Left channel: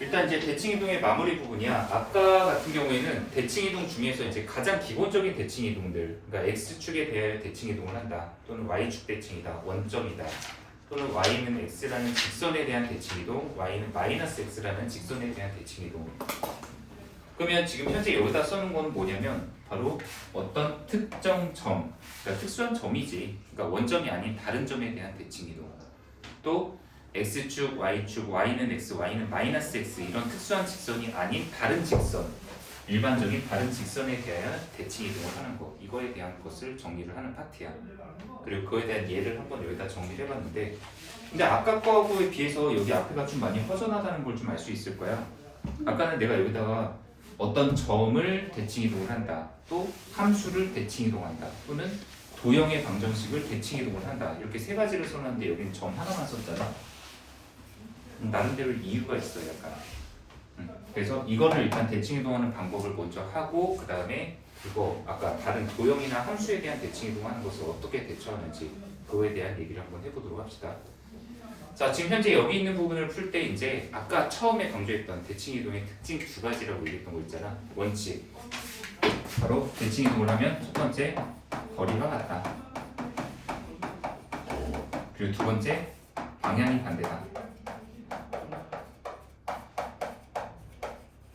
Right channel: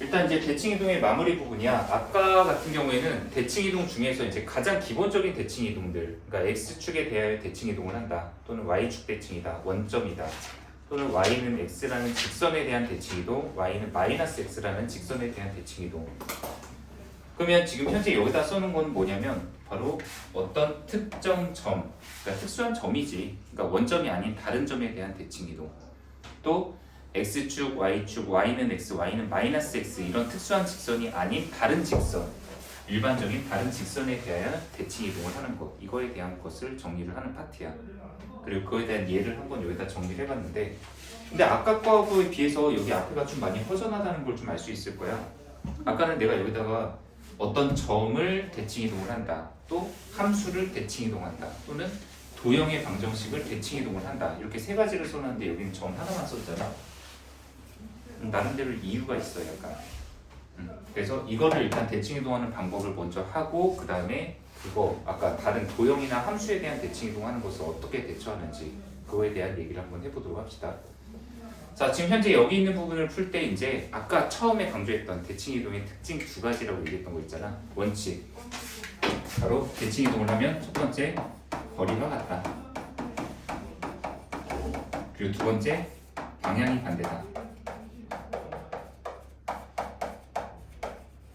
일단 이제 대칭이동의 마무리 부분이야. 아까 같은 경우에는 대칭이동 중에서 이제 가장 기본적인 대칭이동들, 그러니까 x축에 대하여 대칭이동을 한다, 또는 y축 대칭이다, 원점이다, 또는 y는 x라는 직선에 대한 대칭이동, y는 마이너스 x라는 직선에 대한 대칭이동. 그러면 지금 현재 여기다 써놓은 건 뭐냐면 바로 어떤 특정 점, 그러니까 특수한 점이지, 그러니까 원점이 아닌 다른 점에 대한 대칭이동, 또 x축, y축, y는 x, y는 마이너스 x 이런 특수한 직선이 아닌 다른 직선, 일반적인 다른 직선에 대하여 대칭이동을 하는 것, 이거에 대한 것을 정리를 하는 파트야. 그리고 그거에 대한 예를 한번 여기다 정리를 해봤는데, 근데 아까 거하고에 비해서 여기 앞에가 좀 많이 허전하다는 걸 좀 알 수 있을 거야. 아까는 내가 여기다가 어떤 점을 대칭이동을 한다, 또 함수를 대칭이동한다, 또는 도형의 방정식을 대칭이동을 한다, 이렇게 세 가지를 써놨는데 여기는 점 하나만 썼잖아. 나름대로 이유가 있어, 약간. 그래서 이거를 일단 대칭이동하는 방법을 먼저 하고, 그 다음에 그거 아까 다른 도형이나 함수에 대한 대칭이동하는 것을 어떻게 대처하는지 그거에 대한 얘기를 한번 해보도록 합시다. 자, 지금 현재 여기 있는 부분을 풀 때 이제 아까 처음에 강조했던 대칭이동의 특징 두 가지라고 얘기했던 거 있잖아. 원칙. 바로 대칭이동을 하면 첫 번째 거리가 같다. 그리고 두 번째 방향이 반대다.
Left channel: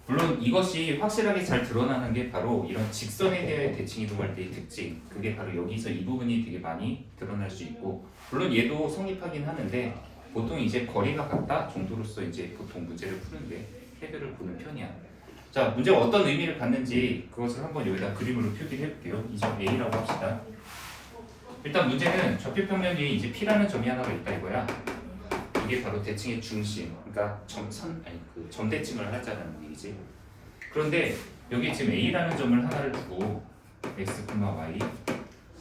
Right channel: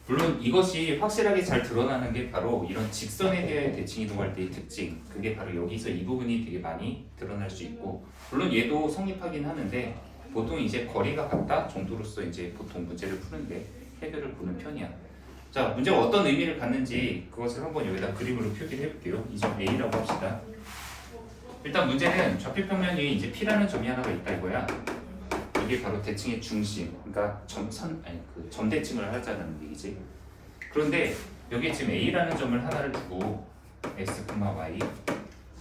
물론 이것이 확실하게 잘 드러나는 게 바로 이런 직선에 대해 대칭이동할 때의 특징, 그게 바로 여기서 이 부분이 되게 많이 드러날 수 있고, 물론 얘도 성립하긴 하는데 보통 이제 거리가 같다 정도로서 이제 보통 문제를 푸는데 해결을 보는 편이야. 자, 문제가 어떤 의미를 갖는지 그것을 한번 여기다 그림으로 표기를 해볼게요. 이 점 A라고 합시다. 일단 문제는 좌표평면 위에 이제 P라는 점이 하나가 있다 이거야. 이게 바로 대칭의 중심, 그러니까 점대칭을 하자는 얘기지. 그런데 여기 지금 A라는 점을 하나를 두고 x, y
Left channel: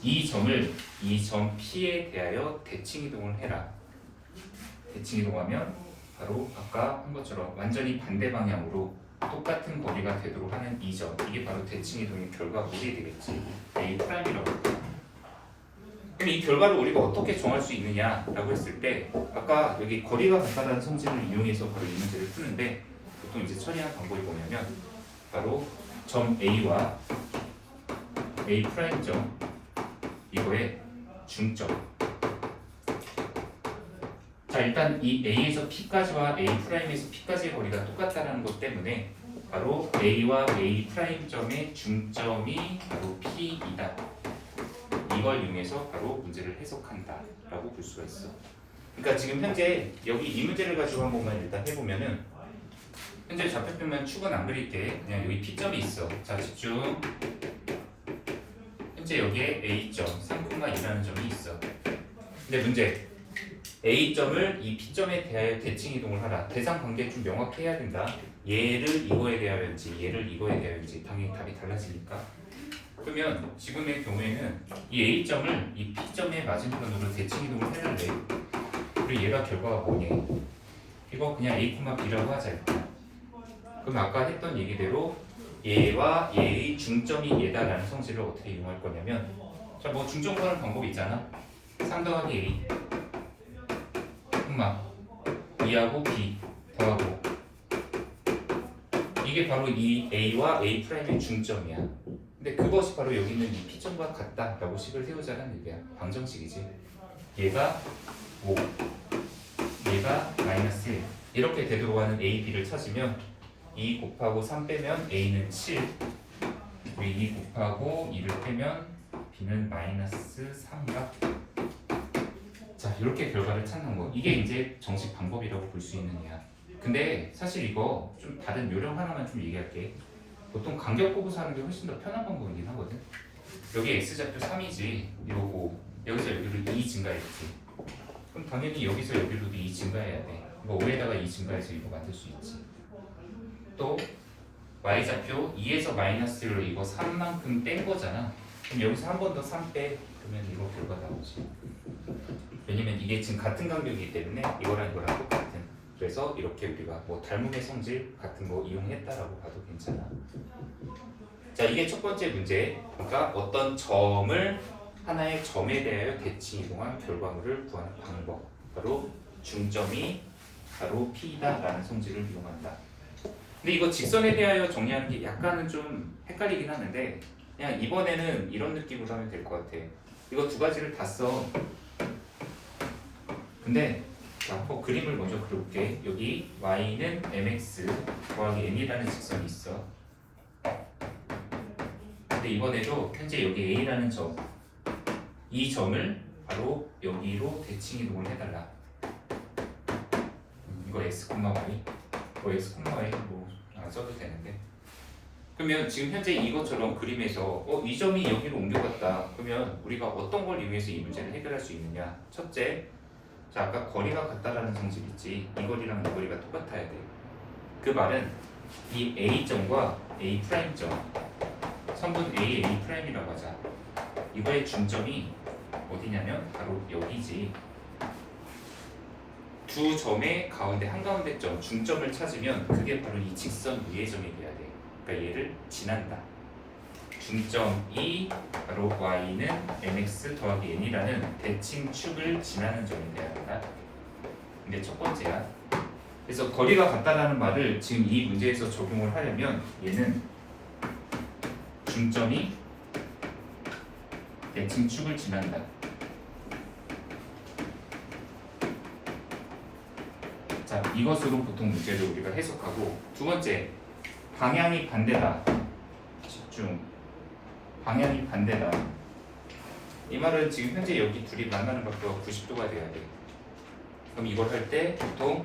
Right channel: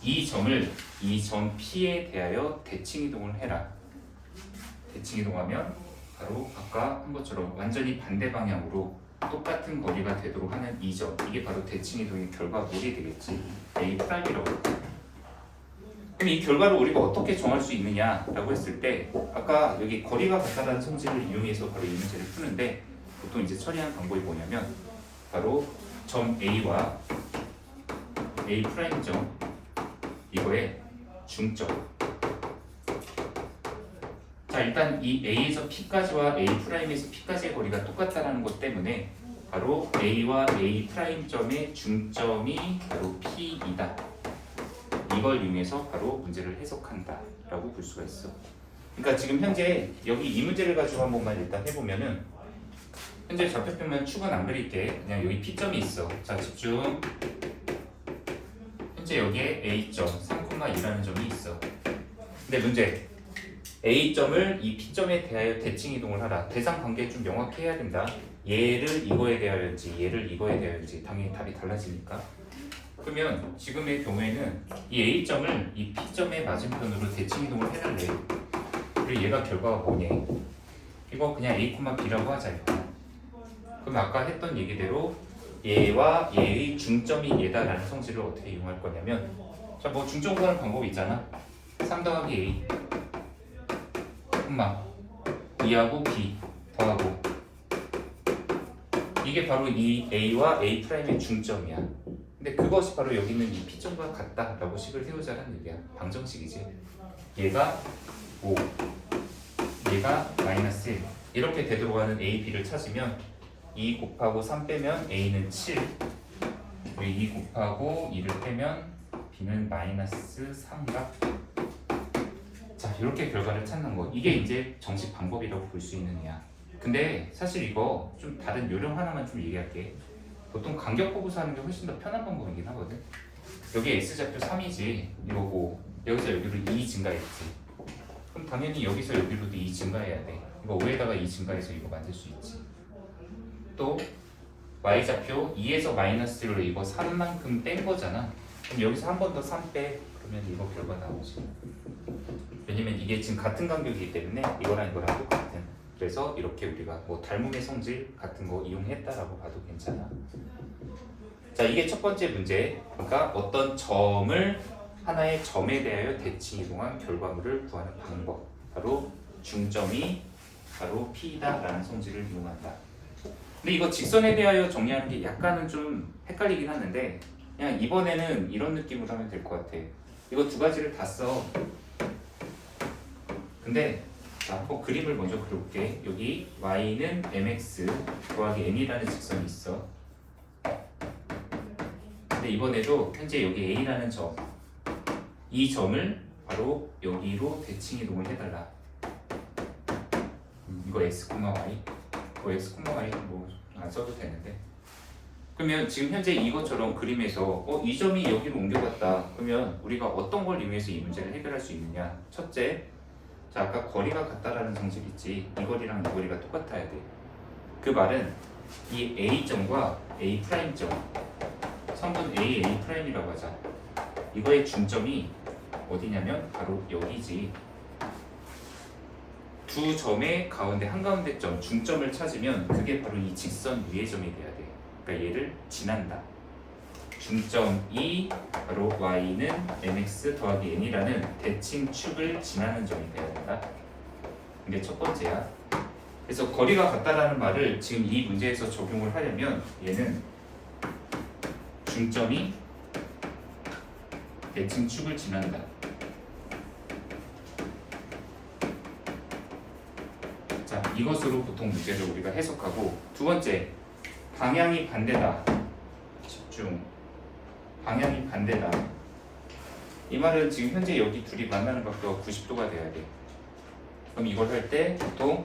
이 점을 이 점 P에 대하여 대칭이동을 해라. 대칭이동하면 바로 아까 한 것처럼 완전히 반대 방향으로 똑같은 거리가 되도록 하는 이 점, 이게 바로 대칭이동의 결과물이 되겠지. A'이라고 할게요. 그럼 이 결과를 우리가 어떻게 정할 수 있느냐라고 했을 때, 아까 여기 거리가 같다는 성질을 이용해서 바로 이 문제를 푸는데, 보통 이제 처리하는 방법이 뭐냐면 바로 점 A와 A'점 이거의 중점. 자, 일단 이 A에서 P까지와 A'에서 P까지의 거리가 똑같다는 것 때문에 바로 A와 A'점의 중점이 바로 P이다. 이걸 이용해서 바로 문제를 해석한다 라고 볼 수가 있어. 그러니까 지금 현재 여기 이 문제를 가지고 한 번만 일단 해보면은, 현재 좌표표면 축은 안 그릴게. 그냥 여기 P점이 있어. 자, 집중. 현재 여기에 A점 3,2라는 점이 있어. 근데 문제, A점을 이 P점에 대하여 대칭이동을 하라. 대상 관계 좀 명확히 해야 된다. 얘를 이거에 대하여인지 얘를 이거에 대하여인지 당연히 답이 달라지니까. 그러면 지금의 경우에는 이 A점을 이 P점의 맞은편으로 대칭이동을 해달래. 그리고 얘가 결과가 뭐냐, 이거 그냥 A, B라고 하자. 그럼 아까 했던 얘기대로 얘와 얘의 중점이 얘다라는 성질을 어떻게 이용할 거냐면, 자, 뭐 중점 구하는 방법이 있잖아. 3 더하기 A 콤마 2하고 B 더하고, 이게 바로 이 A와 A'의 중점이야. 근데 그것이 바로 여기 있는 이 P점과 같다라고 식을 세우자는 얘기야. 방정식이지. 얘가 5, 얘가 마이너스 1 이렇게 되도록 하는 A, B를 찾으면 2 곱하고 3 빼면 A는 7, 그리고 2 곱하고 2를 빼면 B는 마이너스 3가. 자, 이렇게 결과를 찾는 거. 이게 이제 정식 방법이라고 볼 수 있느냐. 근데 사실 이거 좀 다른 요령 하나만 좀 얘기할게. 보통 간격 보고서 하는 게 훨씬 더 편한 방법이긴 하거든. 여기 x좌표 3이지, 요거 여기서 여기로 2 증가했지. 그럼 당연히 여기서 여기로도 2 증가해야 돼. 이거 5에다가 2 증가해서 이거 만들 수 있지. 또 y좌표 2에서 마이너스로 이거 3만큼 뺀 거잖아. 그럼 여기서 한 번 더 3 빼. 그러면 이거 결과 나오지. 왜냐면 이게 지금 같은 간격이기 때문에 이거랑 이거랑 똑같은. 그래서 이렇게 우리가 뭐 닮음의 성질 같은 거 이용했다라고 봐도 괜찮아. 자, 이게 첫 번째 문제. 그러니까 어떤 점을 하나의 점에 대하여 대칭이동한 결과물을 구하는 방법. 바로 중점이 바로 P다라는 성질을 이용한다. 근데 이거 직선에 대하여 정리하는 게 약간은 좀 헷갈리긴 하는데 그냥 이번에는 이런 느낌으로 하면 될 것 같아. 이거 두 가지를 다 써. 근데 자, 한번 그림을 먼저 그려볼게. 여기 y는 mx 더하기 m이라는 직선이 있어. 근데 이번에도 현재 여기 a라는 점, 이 점을 바로 여기로 대칭 이동을 해달라. 이거 x, y. x, y 뭐 안 써도 되는데. 그러면 지금 현재 이것처럼 그림에서 이 점이 여기로 옮겨갔다. 그러면 우리가 어떤 걸 이용해서 이 문제를 해결할 수 있느냐? 첫째, 자 아까 거리가 같다라는 성질 있지. 이 거리랑 이 거리가 똑같아야 돼. 그 말은 이 A점과 A'점, 선분 A, A'이라고 하자. 이거의 중점이 어디냐면 바로 여기지. 두 점의 가운데 한가운데 점, 중점을 찾으면 그게 바로 이 직선 위의 점이 돼야 돼. 그러니까 얘를 지난다. 중점이 바로 y는 mx 더하기 n이라는 대칭 축을 지나는 점이 돼야 된다. 이게 첫 번째야. 그래서 거리가 같다라는 말을 지금 이 문제에서 적용을 하려면 얘는 중점이 대칭 축을 지난다. 자, 이것으로 보통 문제를 우리가 해석하고, 두 번째, 방향이 반대다. 집중. 방향이 반대다. 이 말은 지금 현재 여기 둘이 만나는 각도가 90도가 돼야 돼. 그럼 이걸 할 때 보통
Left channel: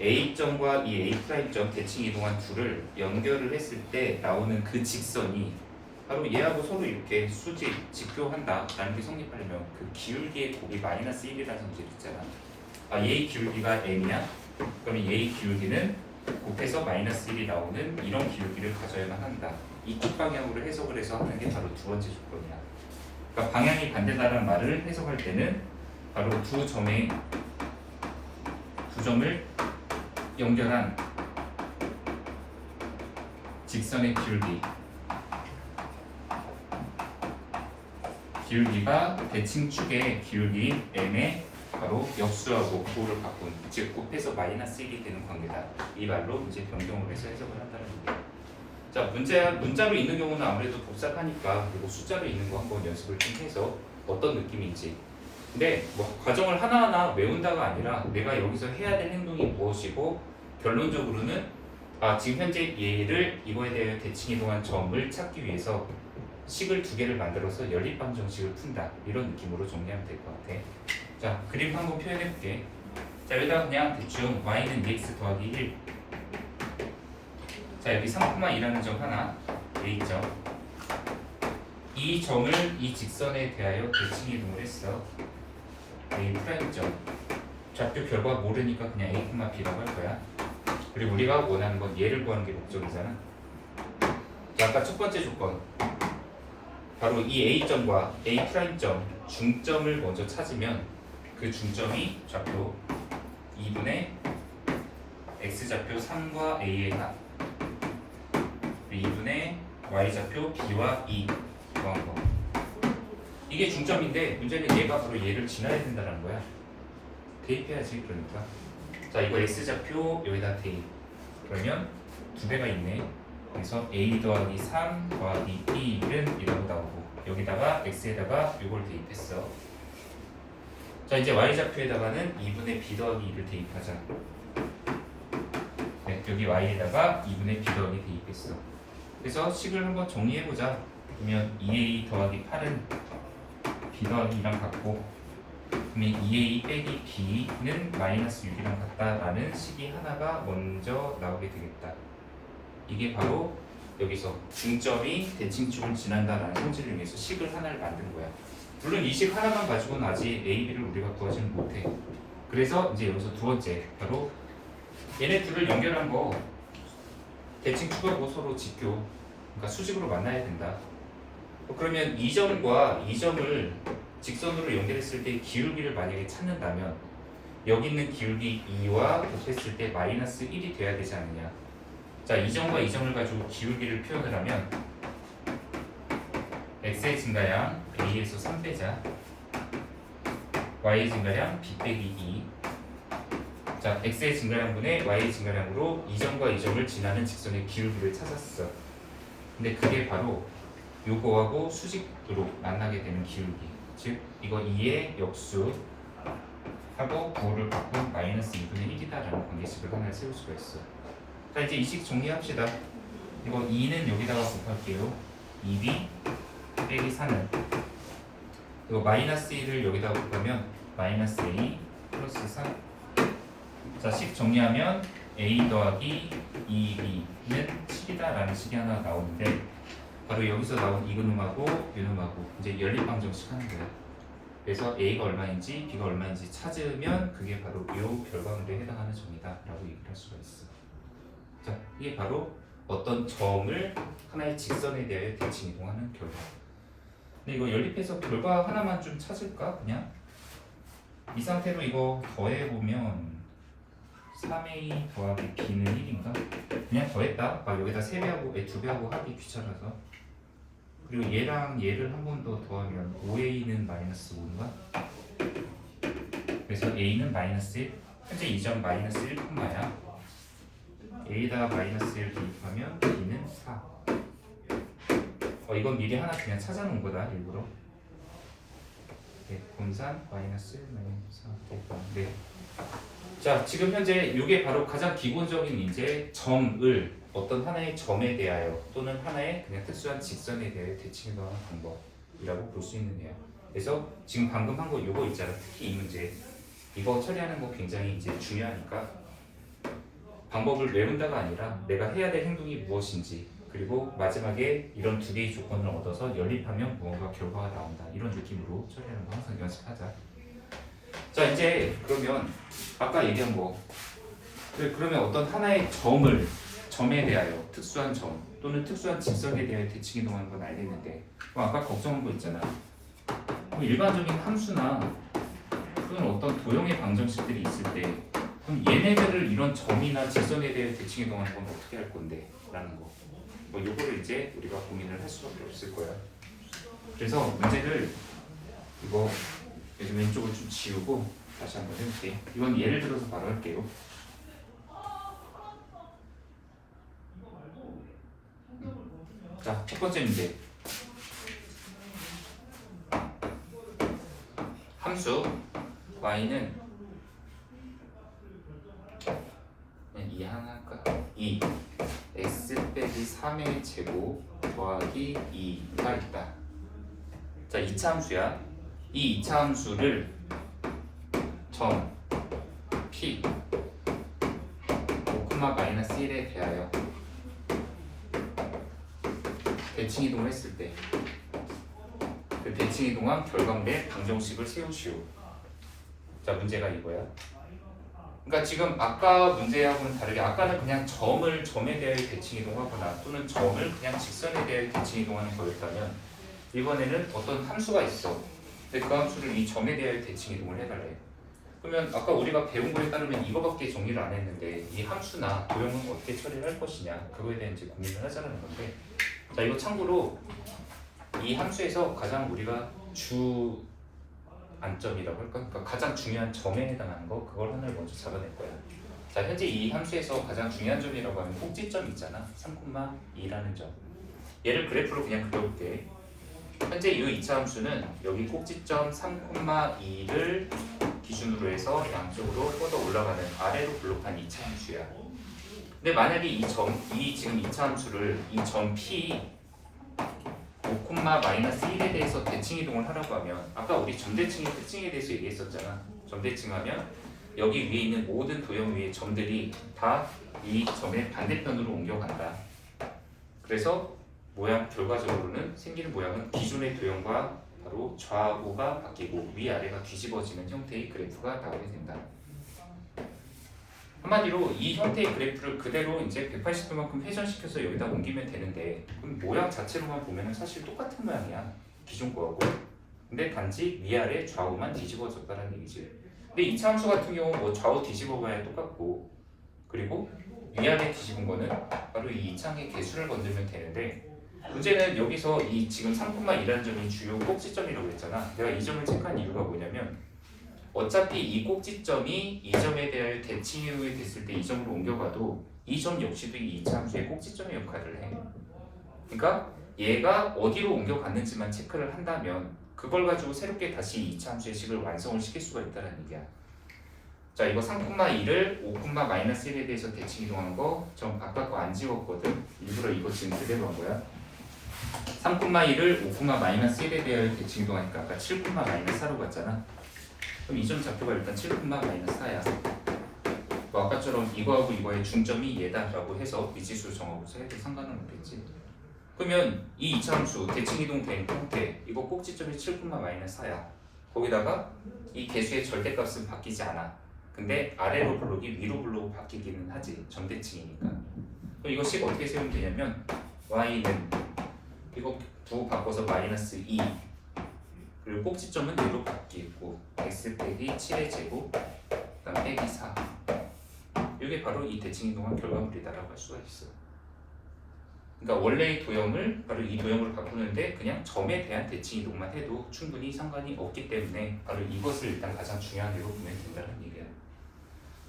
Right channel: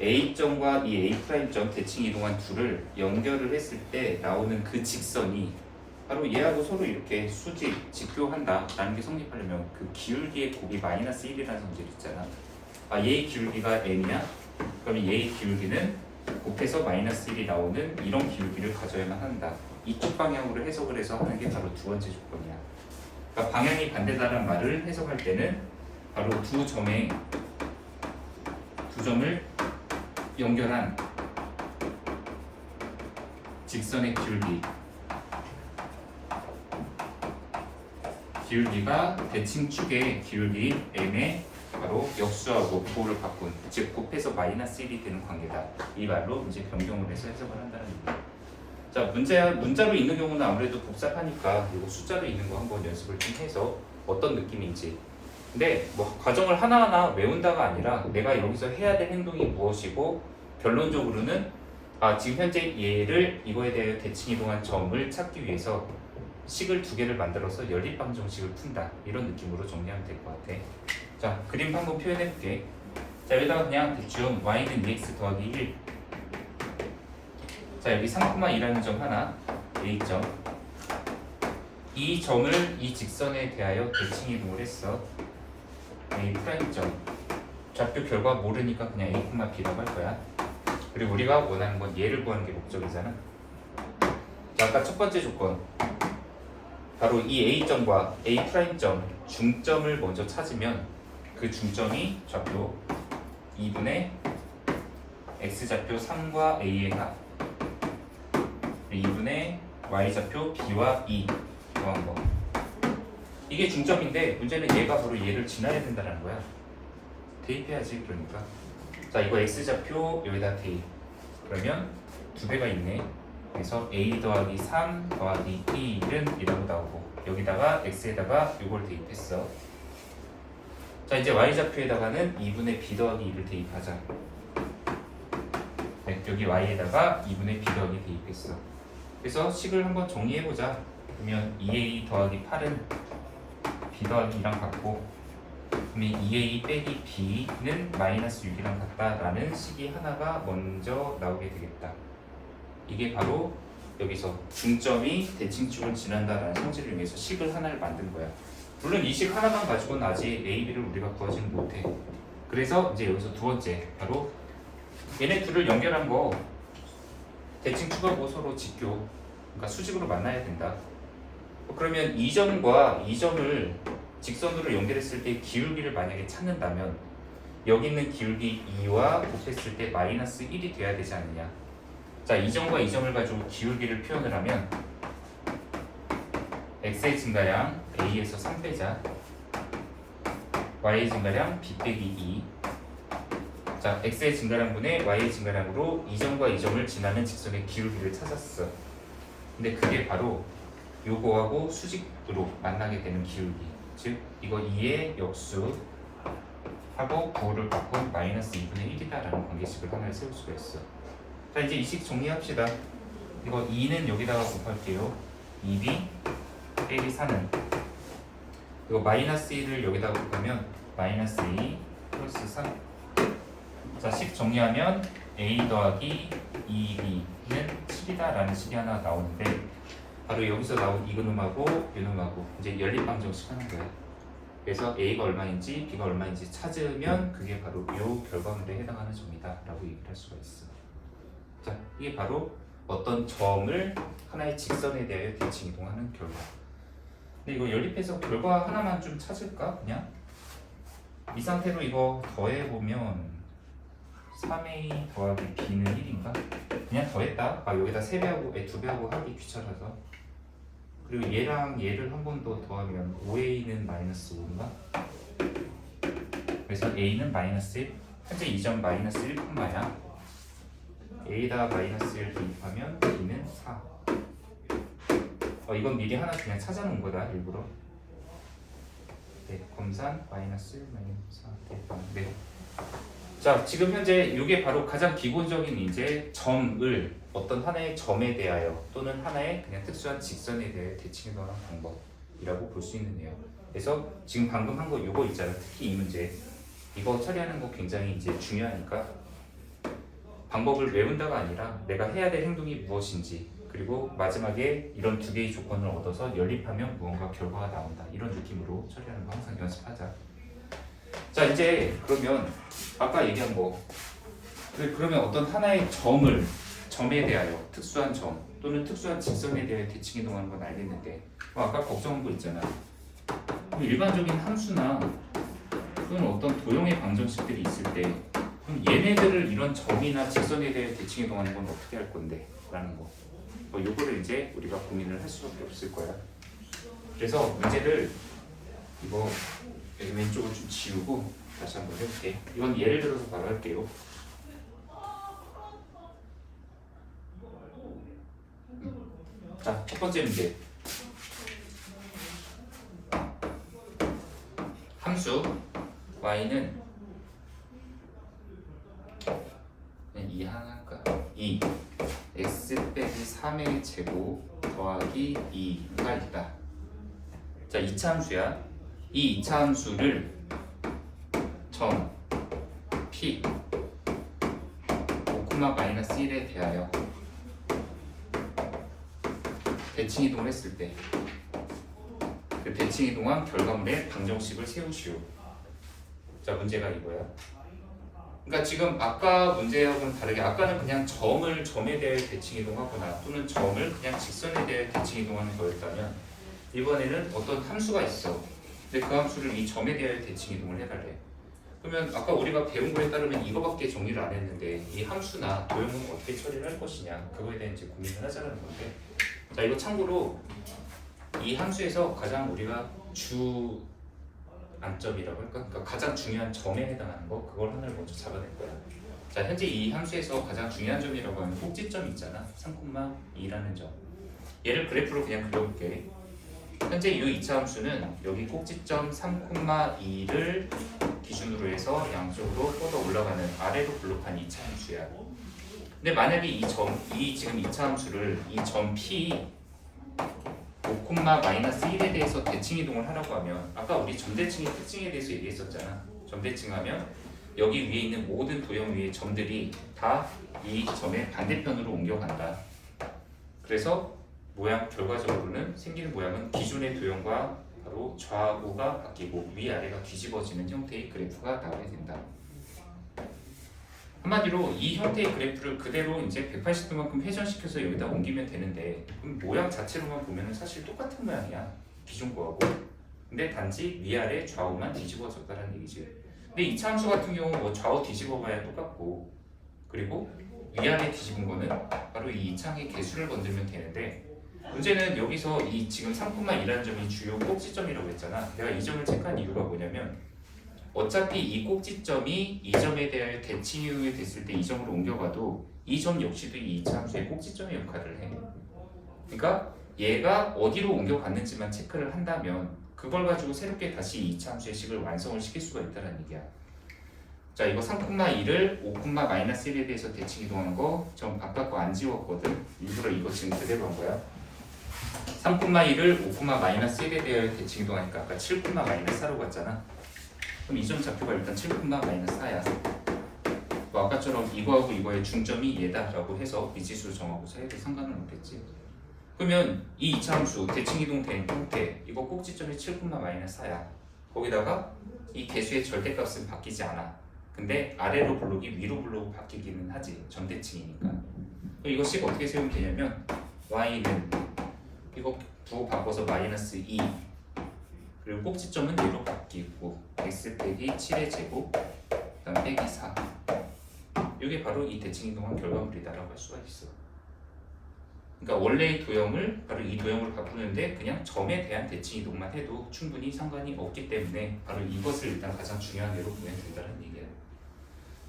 A점과 이 A'점 대칭 이동한 둘을 연결을 했을 때 나오는 그 직선이 바로 얘하고 서로 이렇게 수직, 직교한다 라는 게 성립하려면 그 기울기의 곱이 마이너스 1이라는 성질이 있잖아. 아, 얘의 기울기가 m이야? 그럼 얘의 기울기는 곱해서 마이너스 1이 나오는 이런 기울기를 가져야만 한다. 이쪽 방향으로 해석을 해서 하는 게 바로 두 번째 조건이야. 그러니까 방향이 반대다라는 말을 해석할 때는 바로 두 점을 연결한 직선의 기울기가 대칭 축의 기울기 m의 바로 역수하고 부호를 바꾼, 즉 곱해서 마이너스 1이 되는 관계다. 이 말로 이제 변경을 해서 해석을 한다는 얘기예요. 자, 문자로 있는 경우는 아무래도 복잡하니까 그리고 숫자로 있는 거 한번 연습을 좀 해서 어떤 느낌인지. 근데 뭐 과정을 하나하나 외운다가 아니라 내가 여기서 해야 될 행동이 무엇이고 결론적으로는 지금 현재 얘를 이거에 대해 대칭 이동한 점을 찾기 위해서 식을 두 개를 만들어서 연립방 정식을 푼다. 이런 느낌으로 정리하면 될 것 같아. 자, 그림 한번 표현해 볼게. 자, 여기다가 그냥 대충 y는 2x 더하기 1. 자, 여기 3,2라는 점 하나, A점. 이 점을 이 직선에 대하여 대칭 이동을 했어. A'점. 좌표 결과 모르니까 그냥 A, B라고 할 거야. 그리고 우리가 원하는 건 얘를 구하는 게 목적이잖아. 자, 아까 첫 번째 조건. 바로 이 A점과 A'점 중점을 먼저 찾으면 그 중점이 좌표 2분의 X좌표 3과 A의 합 2분의 Y좌표 B와 2 구한 거. 이게 중점인데 문제는 얘가 바로 얘를 지나야 된다는 거야. 대입해야지. 그러니까 자, 이거 X좌표 여기다 대입. 그러면 두 배가 있네. 그래서 A 더하기 3 더하기 1은 이대로 나오고 여기다가 X에다가 이걸 대입했어. 자, 이제 Y좌표에다가는 2분의 B 더하기 2를 대입하자. 네, 여기 Y에다가 2분의 B 더하기 대입했어. 그래서 식을 한번 정리해보자. 그러면 2A 더하기 8은 B 더하기 2랑 같고 그러면 2A 빼기 B는 마이너스 6이랑 같다라는 식이 하나가 먼저 나오게 되겠다. 이게 바로 여기서 중점이 대칭축을 지난다라는 성질을 이용해서 식을 하나를 만든 거야. 물론 이 식 하나만 가지고는 아직 A, B를 우리가 구하지는 못해. 그래서 이제 여기서 두 번째 바로 얘네 둘을 연결한 거 대칭축하고 서로 직교, 그러니까 수직으로 만나야 된다. 그러면 이 점과 이 점을 직선으로 연결했을 때 기울기를 만약에 찾는다면 여기 있는 기울기 2와 곱했을 때 마이너스 1이 돼야 되지 않느냐. 자, 이 점과 이 점을 가지고 기울기를 표현을 하면 x의 증가량 a에서 3 빼자 y의 증가량 b 빼기 2 자, x의 증가량분의 y의 증가량으로 이 점과 이 점을 지나는 직선의 기울기를 찾았어. 근데 그게 바로 요거하고 수직으로 만나게 되는 기울기. 즉 이거 2의 역수 하고 부호를 바꾼 마이너스 2분의 1이다라는 관계식을 하나 세울 수가 있어. 자, 이제 이 식 정리합시다. 이거 2는 여기다가 곱할게요. 2b 빼기 3을 이거 마이너스 1을 여기다가 곱하면 마이너스 a 플러스 3. 자, 식 정리하면 a 더하기 2b는 7이다라는 식이 하나 나오는데 바로 여기서 나온 이놈하고 이놈하고 이제 연립방정식 하는 거예요. 그래서 a가 얼마인지 b가 얼마인지 찾으면 그게 바로 이 결과물에 해당하는 점이다 라고 얘기를 할 수가 있어. 자, 이게 바로 어떤 점을 하나의 직선에 대해 대칭 이동하는 결과. 근데 이거 연립해서 결과 하나만 좀 찾을까? 그냥 이 상태로 이거 더해보면 3a 더하기 b는 1인가? 그냥 더했다. 여기다 3배하고 2배하고 하기 귀찮아서. 그리고 얘랑 얘를 한 번 더 더하면 5a는 마이너스 5인가? 그래서 a는 마이너스 1. 현재 이 점 마이너스 1, 야 a에다 마이너스 1 대입하면 b는 4. 이건 미리 하나 그냥 찾아놓은 거다 일부러. 네, 검산 마이너스 1 마이너스 4 대입하면 네. 자, 지금 현재 이게 바로 가장 기본적인 이제 점을 어떤 하나의 점에 대하여 또는 하나의 그냥 특수한 직선에 대해 대칭하는 방법이라고 볼 수 있는데요. 그래서 지금 방금 한 거 이거 있잖아. 특히 이 문제 이거 처리하는 거 굉장히 이제 중요하니까 방법을 외운다가 아니라 내가 해야 될 행동이 무엇인지 그리고 마지막에 이런 두 개의 조건을 얻어서 연립하면 무언가 결과가 나온다 이런 느낌으로 처리하는 거 항상 연습하자. 자, 이제 그러면 아까 얘기한 거 그러면 어떤 하나의 점에 대하여 특수한 점 또는 특수한 직선에 대해 대칭 이동하는 건 알겠는데 아까 걱정한 거 있잖아요. 그럼 일반적인 함수나 또는 어떤 도형의 방정식들이 있을 때 그럼 얘네들을 이런 점이나 직선에 대해 대칭 이동하는 건 어떻게 할 건데? 라는 거. 요거를 이제 우리가 고민을 할 수밖에 없을 거야. 그래서 문제를 이거 왼쪽을 좀 지우고 다시 한번 해볼게. 이건 예를 들어서 바로 할게요. 자, 첫 번째 문제. 함수 y는 그냥 2 하나 할까? 2 x 빼기 3의 제곱 더하기 2가 있다. 자, 2차 함수야. 이 2차 함수를 점 p 5, 마이너스 1에 대하여 대칭 이동을 했을 때 그 대칭 이동한 결과물의 방정식을 세우시오. 자, 문제가 이거야. 그러니까 지금 아까 문제하고는 다르게 아까는 그냥 점에 대해 대칭 이동하거나 또는 점을 그냥 직선에 대해 대칭 이동하는 거였다면 이번에는 어떤 함수가 있어. 근데 그 함수를 이 점에 대해 대칭 이동을 해달래. 그러면 아까 우리가 배운 거에 따르면 이거밖에 정리를 안 했는데 이 함수나 도형은 어떻게 처리를 할 것이냐 그거에 대한 이제 고민을 하자는 건데, 자, 이거 참고로 이 함수에서 가장 우리가 주 안점이라고 할까? 그러니까 가장 중요한 점에 해당하는 거 그걸 하나를 먼저 잡아낼 거야. 자, 현재 이 함수에서 가장 중요한 점이라고 하면 꼭지점 있잖아. 3,2라는 점. 얘를 그래프로 그냥 그려볼게. 현재 이 2차 함수는 여기 꼭지점 3,2를 기준으로 해서 양쪽으로 뻗어 올라가는 아래로 블록한 2차 함수야. 근데 만약에 이 지금 2차 함수를 이 점 P 5, 마이너스 1에 대해서 대칭 이동을 하라고 하면 아까 우리 점대칭의 특징에 대해서 얘기했었잖아. 점대칭하면 여기 위에 있는 모든 도형 위의 점들이 다 이 점의 반대편으로 옮겨간다. 그래서 결과적으로는 생기는 모양은 기존의 도형과 바로 좌우가 바뀌고 위아래가 뒤집어지는 형태의 그래프가 나오게 된다. 한마디로 이 형태의 그래프를 그대로 이제 180도만큼 회전시켜서 여기다 옮기면 되는데 그럼 모양 자체로만 보면 사실 똑같은 모양이야. 기존 거하고. 근데 단지 위아래 좌우만 뒤집어졌다는 얘기지. 근데 이 함수 같은 경우 뭐 좌우 뒤집어봐야 똑같고 그리고 위아래 뒤집은 거는 바로 이 이창의 개수를 건들면 되는데 문제는 여기서 이 지금 3,2라는 점이 주요 꼭지점이라고 했잖아. 내가 이 점을 체크한 이유가 뭐냐면 어차피 이 꼭지점이 이 점에 대하여 대칭 이동이 됐을 때 이 점으로 옮겨가도 이 점 역시도 이 2차 함수의 꼭지점의 역할을 해. 그러니까 얘가 어디로 옮겨갔는지만 체크를 한다면 그걸 가지고 새롭게 다시 2차 함수의 식을 완성을 시킬 수가 있다는 얘기야. 자, 이거 3,2를 5,-1에 대해서 대칭 이동한 거 전 아까 거 안 지웠거든. 일부러 이거 지금 그대로 한 거야. 3,2를 5,-1에 대하여 대칭 이동하니까 아까 7,-4로 갔잖아. 그럼 이 점 좌표가 일단 7,-4야. 뭐 아까처럼 이거하고 이거의 중점이 얘다라고 해서 미지수 정하고서 해도 상관은 없겠지. 그러면 이 2차 함수 대칭 이동된 형태 이거 꼭지점이 7,-4야. 거기다가 이 개수의 절대값은 바뀌지 않아. 근데 아래로 블록이 위로 블록 바뀌기는 하지. 점대칭이니까. 그럼 이거 식 어떻게 세우면 되냐면 y는 이거 부호 바꿔서 -2 그리고 꼭지점은 얘로 바뀌고 x 빼기 7의 제곱 그다음 빼기 4 이게 바로 이 대칭 이동한 결과물이다라고 할 수가 있어. 그러니까 원래의 도형을 바로 이 도형을 바꾸는데 그냥 점에 대한 대칭 이동만 해도 충분히 상관이 없기 때문에 바로 이것을 일단 가장 중요한 예로 보면 된다는 얘기야.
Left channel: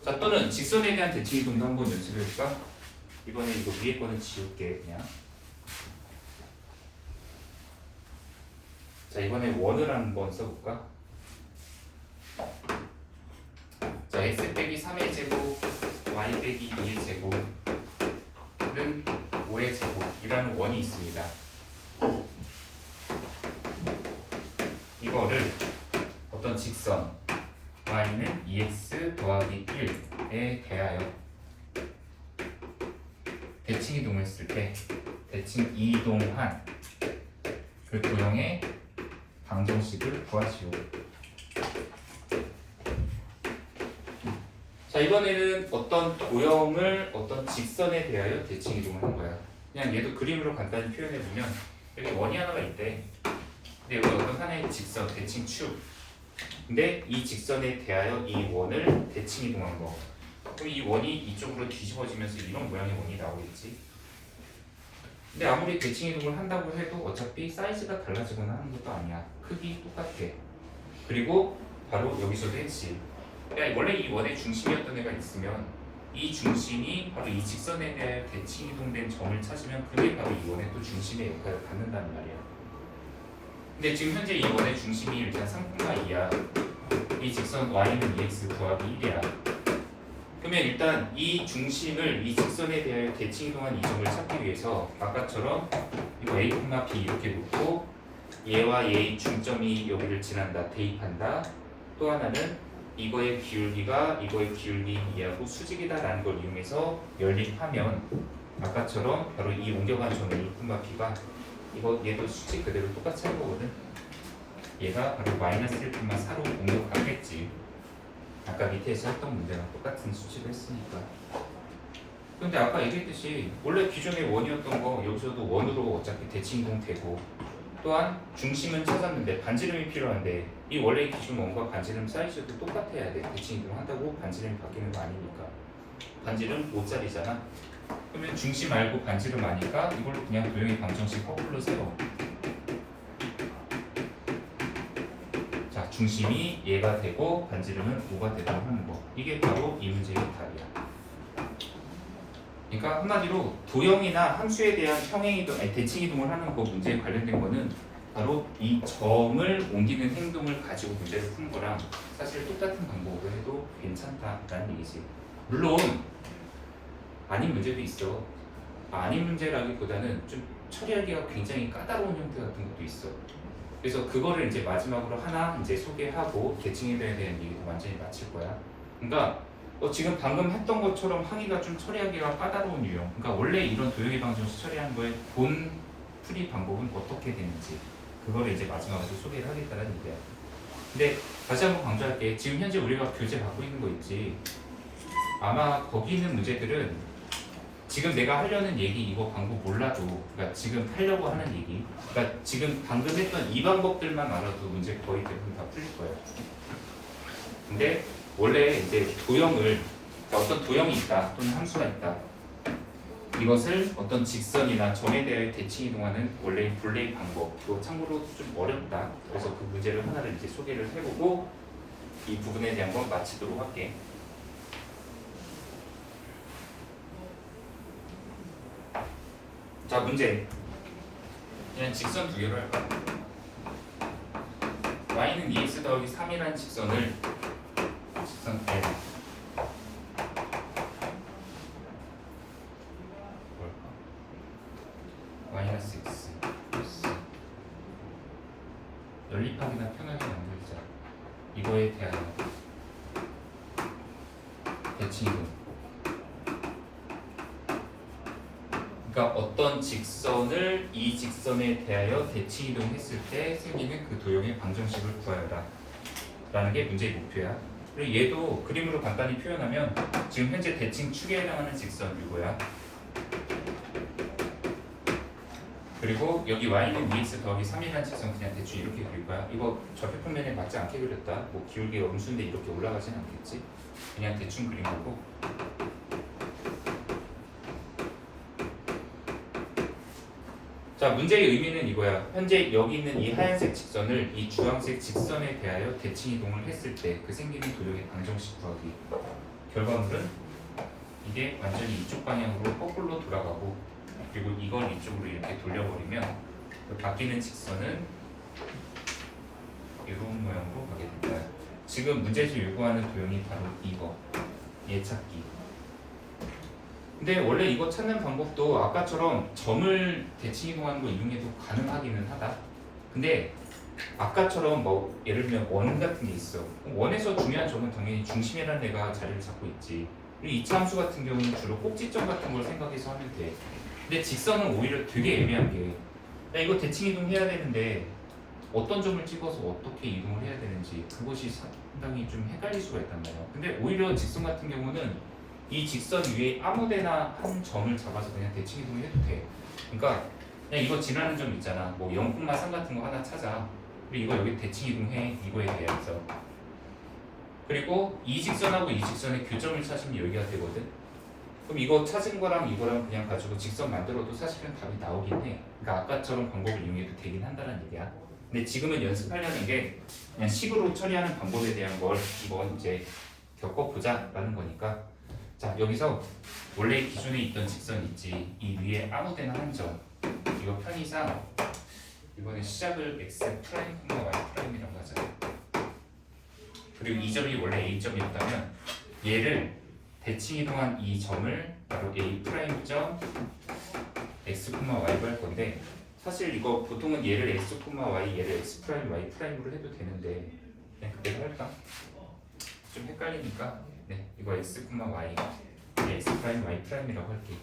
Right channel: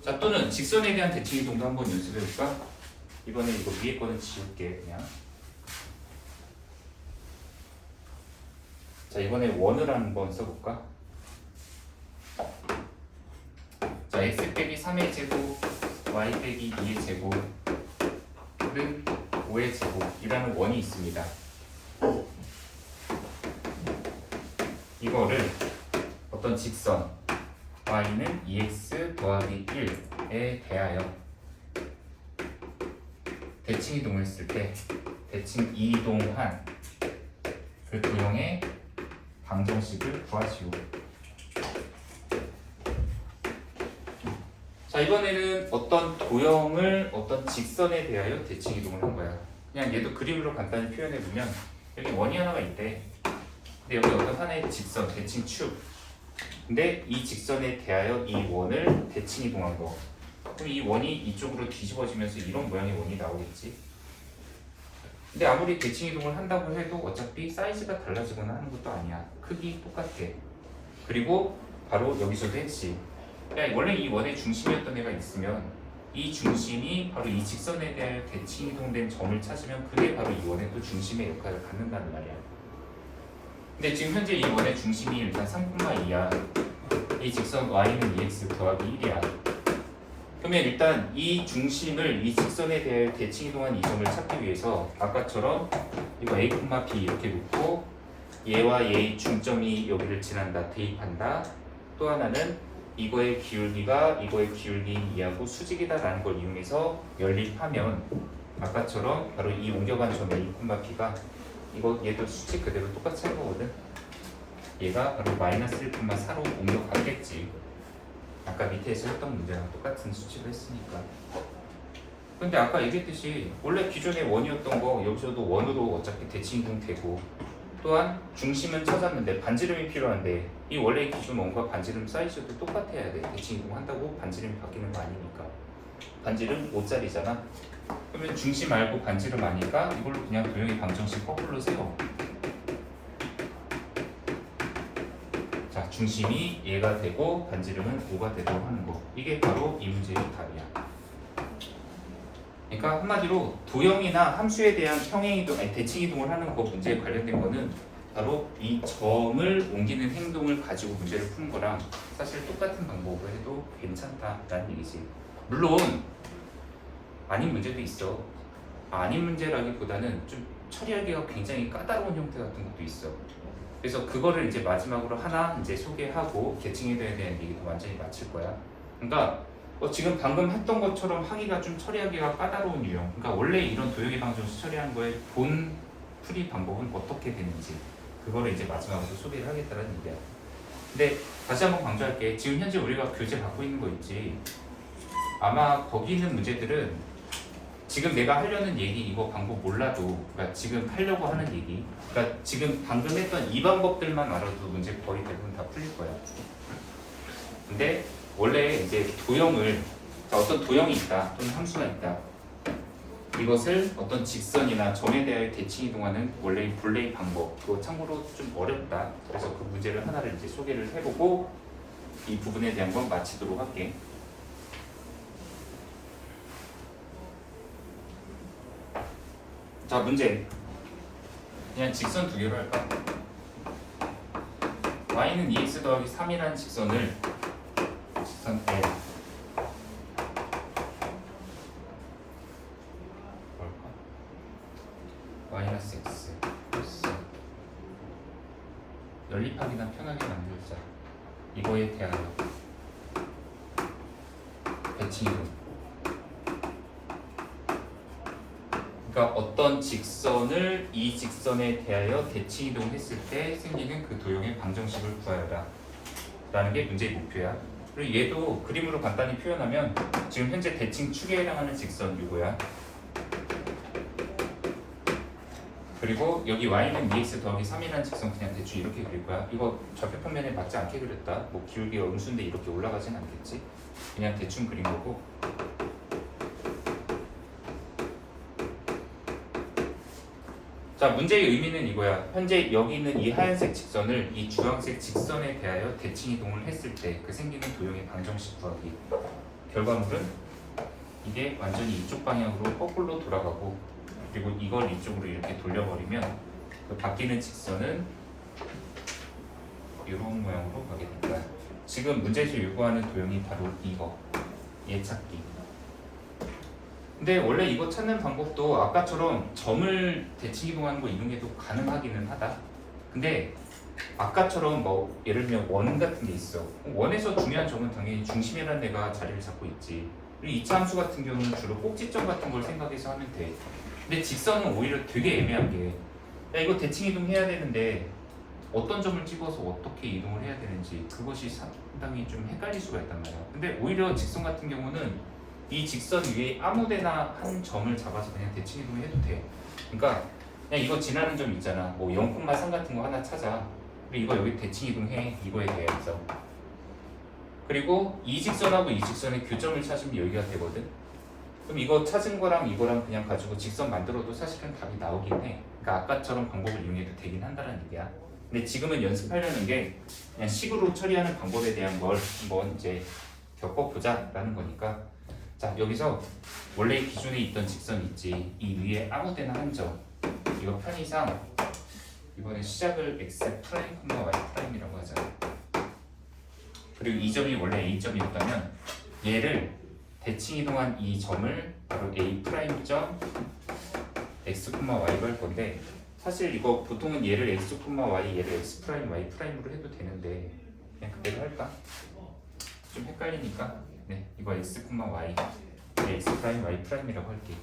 자, 또는 직선에 대한 대칭 이동도 한번 연습해 볼까? 이번에 이거 위에 거는 지울게 그냥. 자, 이번에 원을 한번 써볼까? 자, x 빼기 3의 제곱, y 빼기 2의 제곱은 5의 제곱이라는 원이 있습니다. 이거를 어떤 직선 y는 2x 더하기 1에 대하여 대칭 이동했을 때 대칭 이동한 그 도형의 방정식을 구하시오. 자, 이번에는 어떤 도형을 어떤 직선에 대하여 대칭 이동을 한 거야. 그냥 얘도 그림으로 간단히 표현해주면 여기 원이 하나가 있대. 근데 여기 어떤 하나의 직선, 대칭 축. 근데 이 직선에 대하여 이 원을 대칭 이동한 거. 그럼 이 원이 이쪽으로 뒤집어지면서 이런 모양의 원이 나오겠지. 근데 아무리 대칭 이동을 한다고 해도 어차피 사이즈가 달라지거나 하는 것도 아니야. 크기 똑같게. 그리고 바로 여기서도 했지. 그냥 원래 이 원의 중심이었던 애가 있으면 이 중심이 바로 이 직선에 대해 대칭 이동된 점을 찾으면 그게 바로 이 원의 또 중심의 역할을 갖는다는 말이야. 근데 지금 현재 이 원의 중심이 일단 3,2야. 이 직선 y는 2x 더하기 1이야. 그러면 일단 이 중심을 이 직선에 대해 대칭 이동한 이 점을 찾기 위해서 아까처럼 이거 a, b 이렇게 놓고 얘와 얘의 중점이 여기를 지난다 대입한다. 또 하나는 이거의 기울기가 이거의 기울기인 이하고 수직이다라는 걸 이용해서 연립하면 아까처럼 바로 이 옮겨간 점의 1,b가 이거 얘도 수직 그대로 똑같이 할 거거든. 얘가 바로 -1,4로 옮겨가겠지. 아까 밑에서 했던 문제랑 똑같은 수치를 했으니까. 근데 아까 얘기했듯이 원래 기존의 원이었던 거 여기서도 원으로 어차피 대칭 이동되고 또한 중심은 찾았는데 반지름이 필요한데 이 원래 기준 원과 반지름 사이즈도 똑같아야 돼. 대칭 이동한다고 반지름이 바뀌는 거 아니니까. 반지름 5짜리잖아. 그러면 중심 알고 반지름 아니까 이걸로 그냥 도형의 방정식 거꾸로 세워. 자, 중심이 얘가 되고 반지름은 5가 되도록 하는 거. 이게 바로 이 문제의 답이야. 그러니까 한마디로 도형이나 함수에 대한 평행 이동, 아니 대칭 이동을 하는 거 문제에 관련된 거는 바로 이 점을 옮기는 행동을 가지고 문제를 푸는 거랑 사실 똑같은 방법으로 해도 괜찮다라는 얘기지. 물론 아닌 문제도 있어. 아닌 문제라기보다는 좀 처리하기가 굉장히 까다로운 형태 같은 것도 있어. 그래서 그거를 이제 마지막으로 하나 이제 소개하고 대칭 이동에 대한 얘기도 완전히 마칠 거야. 그러니까 지금 방금 했던 것처럼 하기가 좀 처리하기가 까다로운 유형. 그러니까 원래 이런 도형의 방정식 처리하는 거의 본 풀이 방법은 어떻게 되는지 그거를 이제 마지막으로 소개를 하겠다는 얘기야. 근데 다시 한번 강조할게. 지금 현재 우리가 교재 갖고 있는 거 있지. 아마 거기 있는 문제들은 지금 내가 하려는 얘기 이거 방법 몰라도 그러니까 지금 하려고 하는 얘기 그러니까 지금 방금 했던 이 방법들만 알아도 문제 거의 대부분 다 풀릴 거야. 근데 원래 이제 도형을 어떤 도형이 있다 또는 함수가 있다. 이것을 어떤 직선이나 점에 대해 대칭 이동하는 원래의 본래의 방법. 또 참고로 좀 어렵다. 그래서 그 문제를 하나를 이제 소개를 해보고 이 부분에 대한 건 마치도록 할게. 자, 문제. 그냥 직선 두 개로 할까? y는 2x 더하기 3이라는 직선을 직선 L 마이너스 x 플러스 연립하기나 편하게 만들자. 이거에 대한 대칭이동. 그러니까 어떤 직선을 이 직선에 대하여 대칭이동했을 때 생기는 그 도형의 방정식을 구하여라 라는 게 문제의 목표야. 그리고 얘도 그림으로 간단히 표현하면 지금 현재 대칭축에 해당하는 직선 이거야. 그리고 여기 y는 2x 더하기 3이라는 직선 그냥 대충 이렇게 그릴 거야. 이거 좌표평면에 맞지 않게 그렸다. 뭐 기울기가 음수인데 이렇게 올라가진 않겠지. 그냥 대충 그린 거고. 자, 문제의 의미는 이거야. 현재 여기 있는 이 하얀색 직선을 이 주황색 직선에 대하여 대칭 이동을 했을 때 그 생기는 도형의 방정식 구하기. 결과물은 이게 완전히 이쪽 방향으로 거꾸로 돌아가고, 그리고 이걸 이쪽으로 이렇게 돌려버리면 그 바뀌는 직선은 이런 모양으로 가게 됩니다. 지금 문제에서 요구하는 도형이 바로 이거, 얘 찾기. 근데 원래 이거 찾는 방법도 아까처럼 점을 대칭 이동하는 거 이용해도 가능하기는 하다. 근데 아까처럼 뭐 예를 들면 원 같은 게 있어. 원에서 중요한 점은 당연히 중심이라는 데가 자리를 잡고 있지. 그리고 이차 함수 같은 경우는 주로 꼭지점 같은 걸 생각해서 하면 돼. 근데 직선은 오히려 되게 애매한 게, 야, 이거 대칭 이동해야 되는데 어떤 점을 찍어서 어떻게 이동을 해야 되는지 그것이 상당히 좀 헷갈릴 수가 있단 말이야. 근데 오히려 직선 같은 경우는 이 직선 위에 아무데나 한 점을 잡아서 그냥 대칭 이동을 해도 돼. 그러니까 그냥 이거 지나는 점 있잖아. 뭐 0,3 같은 거 하나 찾아. 근데 이거 여기 대칭 이동해. 이거에 대해서. 그리고 이 직선하고 이 직선의 교점을 찾으면 여기가 되거든. 그럼 이거 찾은 거랑 이거랑 그냥 가지고 직선 만들어도 사실은 답이 나오긴 해. 그러니까 아까처럼 방법을 이용해도 되긴 한다는 얘기야. 근데 지금은 연습하려는 게 그냥 식으로 처리하는 방법에 대한 걸 한번 이제 겪어보자 라는 거니까. 자, 여기서 원래 기존에 있던 직선 있지. 이 위에 아무데나 한 점. 이거 편의상 이번에 시작을 x 프라임, y 프라임이라고 하자. 그리고 이 점이 원래 a 점이었다면 얘를 대칭 이동한 이 점을 바로 a 프라임 점 x, y로 할 건데, 사실 이거 보통은 얘를 x, y, 얘를 x 프라임, y 프라임으로 해도 되는데 그냥 그대로 할까? 좀 헷갈리니까. 네, 이거 x, y, x 프라임, y 프라임이라고 할게.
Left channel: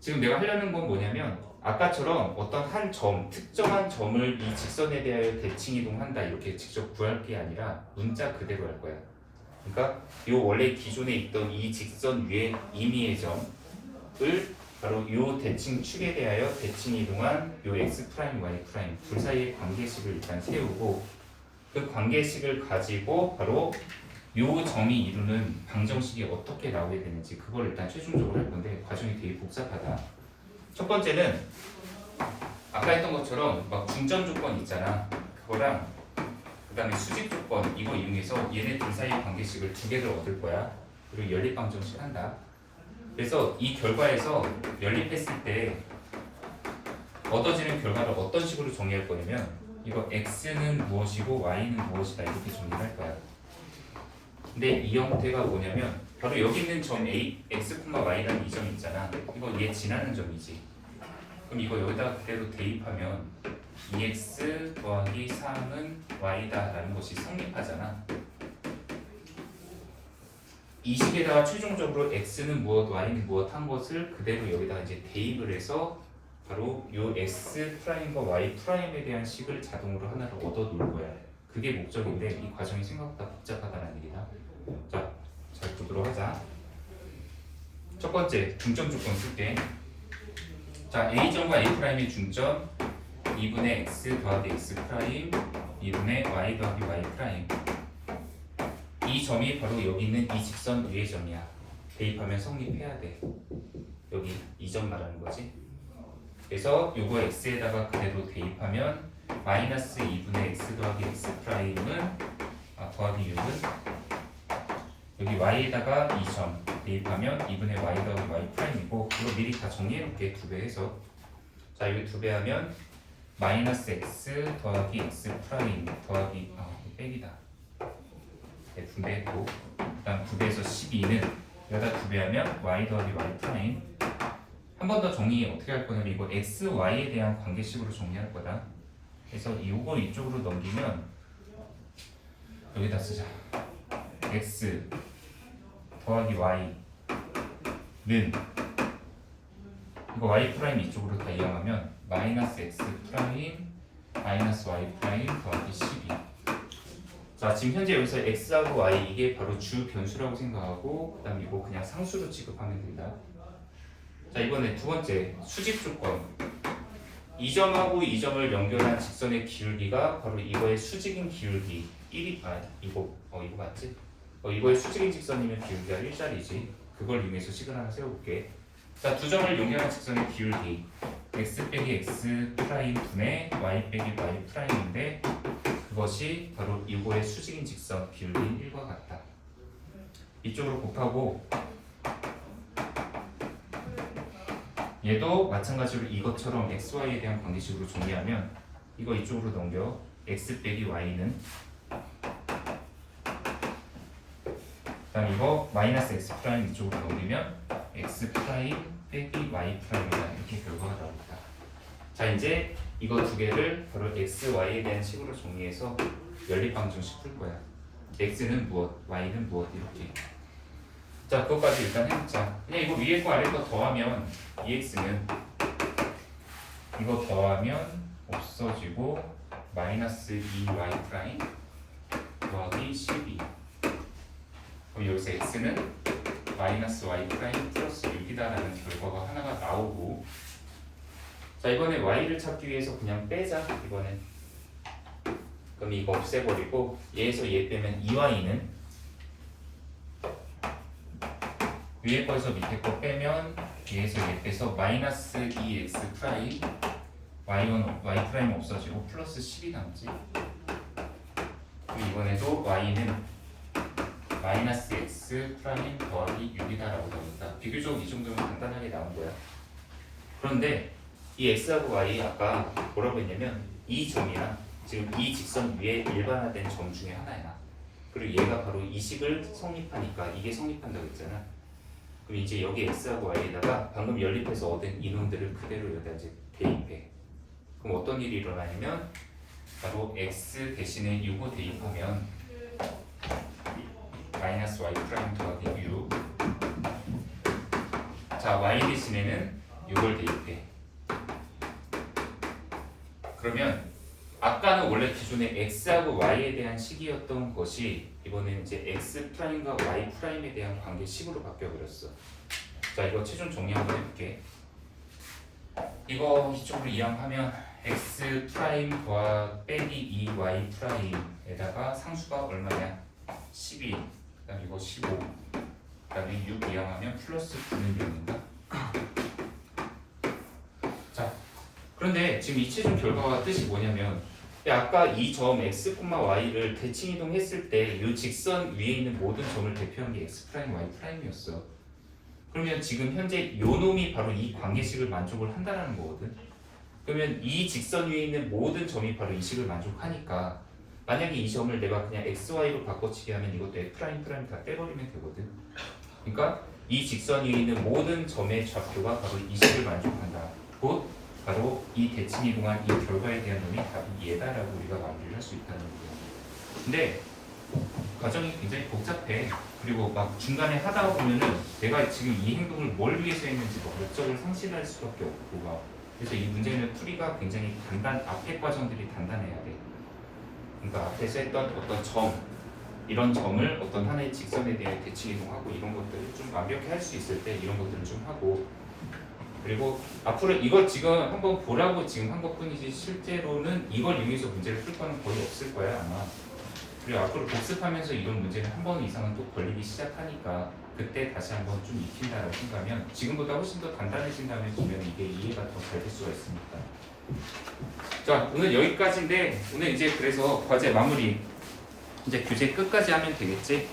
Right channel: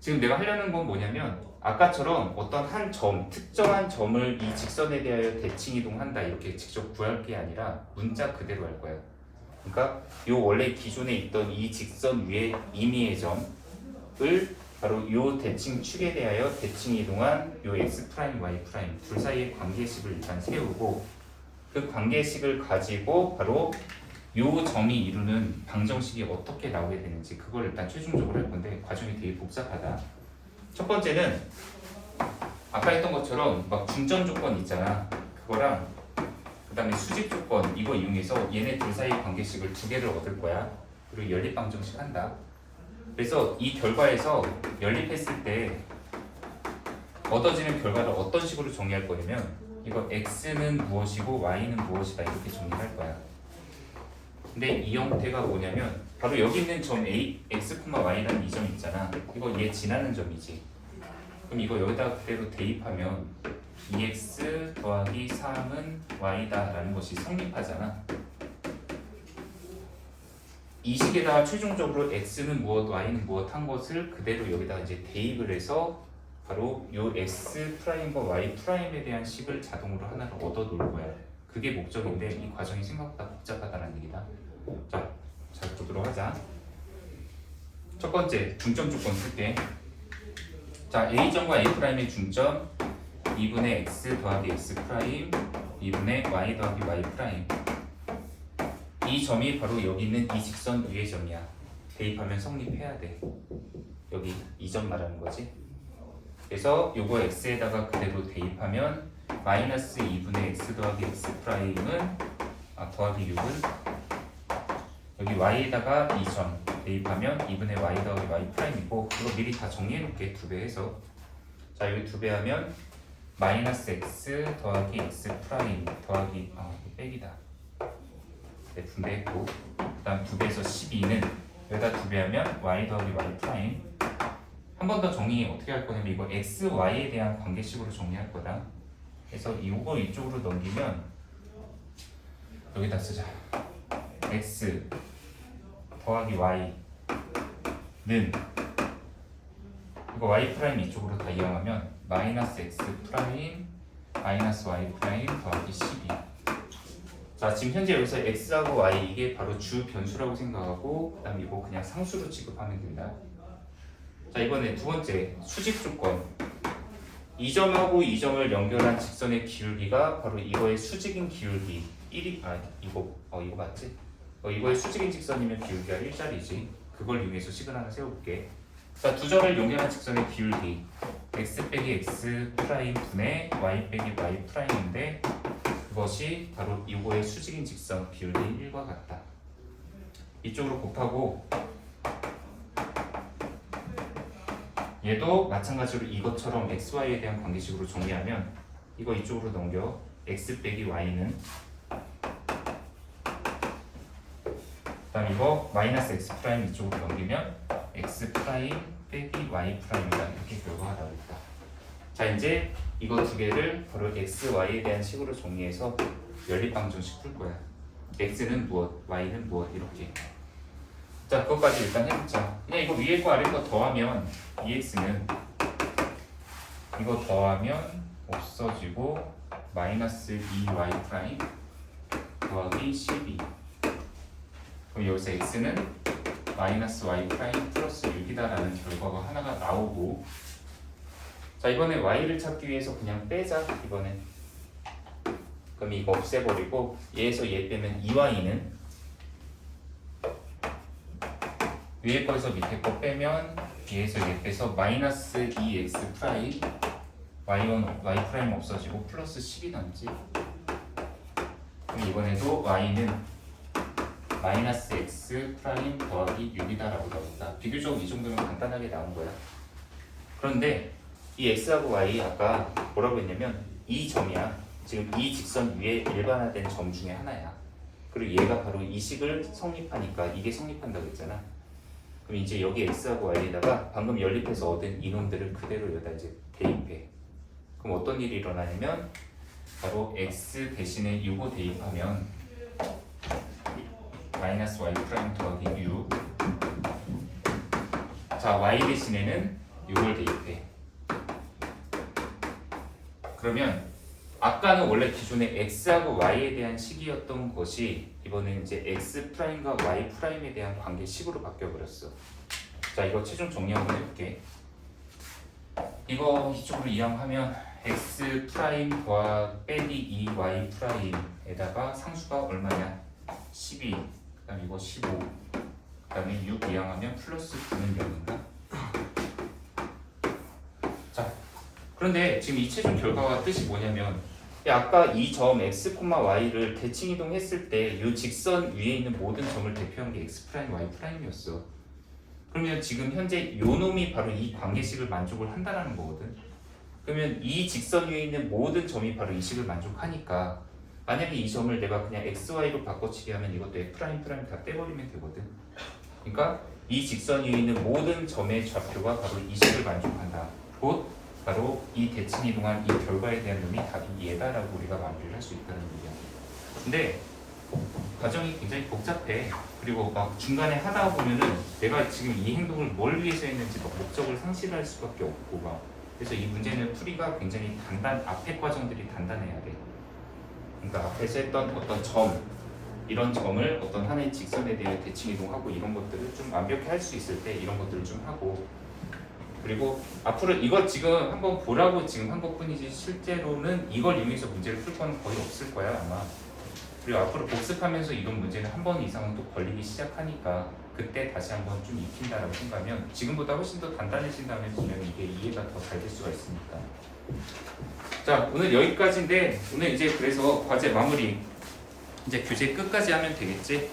지금 내가 하려는 건 뭐냐면 아까처럼 어떤 한 점, 특정한 점을 이 직선에 대하여 대칭 이동한다 이렇게 직접 구할 게 아니라 문자 그대로 할 거야. 그러니까 요 원래 기존에 있던 이 직선 위에 임의의 점을 바로 요 대칭 축에 대하여 대칭 이동한 요 x 프라임, y 프라임 둘 사이의 관계식을 일단 세우고, 그 관계식을 가지고 바로 요 점이 이루는 방정식이 어떻게 나오게 되는지 그걸 일단 최종적으로 할 건데 과정이 되게 복잡하다. 첫 번째는 아까 했던 것처럼 막 중점 조건 있잖아. 그거랑 그 다음에 수직 조건 이거 이용해서 얘네 둘 사이 관계식을 두 개를 얻을 거야. 그리고 연립 방정식 한다. 그래서 이 결과에서 연립했을 때 얻어지는 결과를 어떤 식으로 정의할 거냐면 이거 x는 무엇이고 y는 무엇이다 이렇게 정의할 거야. 근데 이 형태가 뭐냐면 바로 여기 있는 점 a, x, y라는 이 점 있잖아. 이거 얘 지나는 점이지. 그럼 이거 여기다 그대로 대입하면 2x 더하기 3은 y다 라는 것이 성립하잖아. 이 식에다가 최종적으로 x는 무엇, y는 무엇 한 것을 그대로 여기다가 이제 대입을 해서 바로 요 x 프라임과 y 프라임에 대한 식을 자동으로 하나를 얻어 놓을 거야. 그게 목적인데 이 과정이 생각보다 복잡하다는 얘기다. 자, 잘 보도록 하자. 첫 번째 중점 조건 쓸게. 자, a점과 a'의 중점 2분의 x 더하기 x 프라임 2분의 y 더하기 y 프라임. 이 점이 바로 여기 있는 이 직선 위의 점이야. 대입하면 성립해야 돼. 여기 이 점 말하는 거지. 그래서 요거 x에다가 그대로 대입하면 마이너스 2분의 x 더하기 x 프라임은 더하기 6은 여기 y에다가 2점 대입하면 2분의 y 더하기 y 프라임이고 이거 미리 다 정리해 놓을게. 2배 해서 자 여기 2배 하면 마이너스 x 더하기 x 프라임 더하기 빼기다. 네, 분배했고 그 다음 2배에서 12는 여기다 2배 하면 y 더하기 y 프라임. 한 번 더 정리 어떻게 할 거냐면 이거 x, y에 대한 관계식으로 정리할 거다. 그래서 이거 이쪽으로 넘기면 여기다 쓰자. x 더하기 y는 이거 y 프라임 이쪽으로 다 이용하면 마이너스 x 프라임 마이너스 y 프라임 더하기 12. 자 지금 현재 여기서 x하고 y 이게 바로 주 변수라고 생각하고 그 다음 이거 그냥 상수로 취급하면 된다. 자 이번에 두 번째 수직 조건. 이 점하고 이 점을 연결한 직선의 기울기가 바로 이거의 수직인 기울기 1이 이거 맞지? 이거의 수직인 직선이면 기울기가 1짜리지. 그걸 이용해서 식을 하나 세워볼게. 자, 두 점을 연결한 직선의 기울기 x 빼기 x 프라임 분의 y 빼기 y 프라임인데 그것이 바로 이거의 수직인 직선 기울기인 1과 같다. 이쪽으로 곱하고 얘도 마찬가지로 이것처럼 xy에 대한 관계식으로 정리하면 이거 이쪽으로 넘겨 x 빼기 y는 그다음 이거 마이너스 x 프라임 이쪽으로 넘기면 x 프라임 빼기 y 프라임이다. 이렇게 결과가 나옵니다. 자 이제 이거 두 개를 바로 x, y에 대한 식으로 정리해서 연립방정식 풀 거야. x는 무엇, y는 무엇 이렇게. 자 그것까지 일단 해보자. 그냥 이거 위에 거 아래 거 더하면 2x는 이거 더하면 없어지고 마이너스 2y 프라임 더하기 12. 그럼 여기서 x는 마이너스 y 프라임 플러스 6이다라는 결과가 하나가 나오고 자 이번에 y를 찾기 위해서 그냥 빼자. 이번에 그럼 이거 없애버리고 얘에서 얘 빼면 2y는 위에 거에서 밑에 거 빼면 얘에서 얘 빼서 마이너스 2x 프라임 y 프라임 없어지고 플러스 10이 남지. 이번에도 y는 마이너스 x 프라임 더하기 6이다라고 나온다. 비교적 이 정도면 간단하게 나온 거야. 그런데 이 x하고 y 아까 뭐라고 했냐면 이 점이야. 지금 이 직선 위에 일반화된 점 중에 하나야. 그리고 얘가 바로 이 식을 성립하니까 이게 성립한다고 했잖아. 그럼 이제 여기 x하고 y에다가 방금 연립해서 얻은 이놈들을 그대로 여기다 이제 대입해. 그럼 어떤 일이 일어나냐면 바로 x 대신에 6을 대입하면 마이너스 y 프라임 더하기 6. 자 y 대신에는 6을 대입해. 그러면 아까는 원래 기존에 x하고 y에 대한 식이었던 것이 이번엔 이제 x 프라임과 y 프라임에 대한 관계식으로 바뀌어버렸어. 자 이거 최종 정리 한번 해볼게. 이거 이쪽으로 이항하면 x 프라임 빼기 2y 프라임에다가 상수가 얼마냐? 12. 그다음 이거 15. 그다음에 6 이항하면 플러스 9는 몇인가? 자 그런데 지금 이 최종 결과가 뜻이 뭐냐면 아까 이 점 x, y를 대칭 이동했을 때 이 직선 위에 있는 모든 점을 대표한 게 x 프라임, y 프라임이었어. 그러면 지금 현재 이 놈이 바로 이 관계식을 만족을 한다는 거거든. 그러면 이 직선 위에 있는 모든 점이 바로 이 식을 만족하니까 만약에 이 점을 내가 그냥 x, y로 바꿔치기 하면 이것도 f 프라임 다 떼버리면 되거든. 그러니까 이 직선 위에 있는 모든 점의 좌표가 바로 이 식을 만족한다. 곧 바로 이 대칭 이동한 이 결과에 대한 놈이 답이 얘다라고 우리가 마무리를 할 수 있다는 거예요. 근데 과정이 굉장히 복잡해. 그리고 막 중간에 하다 보면은 내가 지금 이 행동을 뭘 위해서 했는지 막 목적을 상실할 수밖에 없고 막 그래서 이 문제는 풀이가 굉장히 앞에 과정들이 단단해야 돼. 그러니까 앞에서 했던 어떤 점 이런 점을 어떤 하나의 직선에 대해 대칭 이동하고 이런 것들을 좀 완벽히 할 수 있을 때 이런 것들을 좀 하고 그리고 앞으로 이거 지금 한번 보라고 지금 한 것뿐이지 실제로는 이걸 이용해서 문제를 풀 거는 거의 없을 거야 아마. 그리고 앞으로 복습하면서 이런 문제는 한 번 이상은 또 걸리기 시작하니까 그때 다시 한번 좀 익힌다라고 생각하면 지금보다 훨씬 더 단단해진 다음에 보면 이게 이해가 더 잘 될 수가 있으니까. 자 오늘 여기까지인데 오늘 이제 그래서 과제 마무리. 이제 교재 끝까지 하면 되겠지?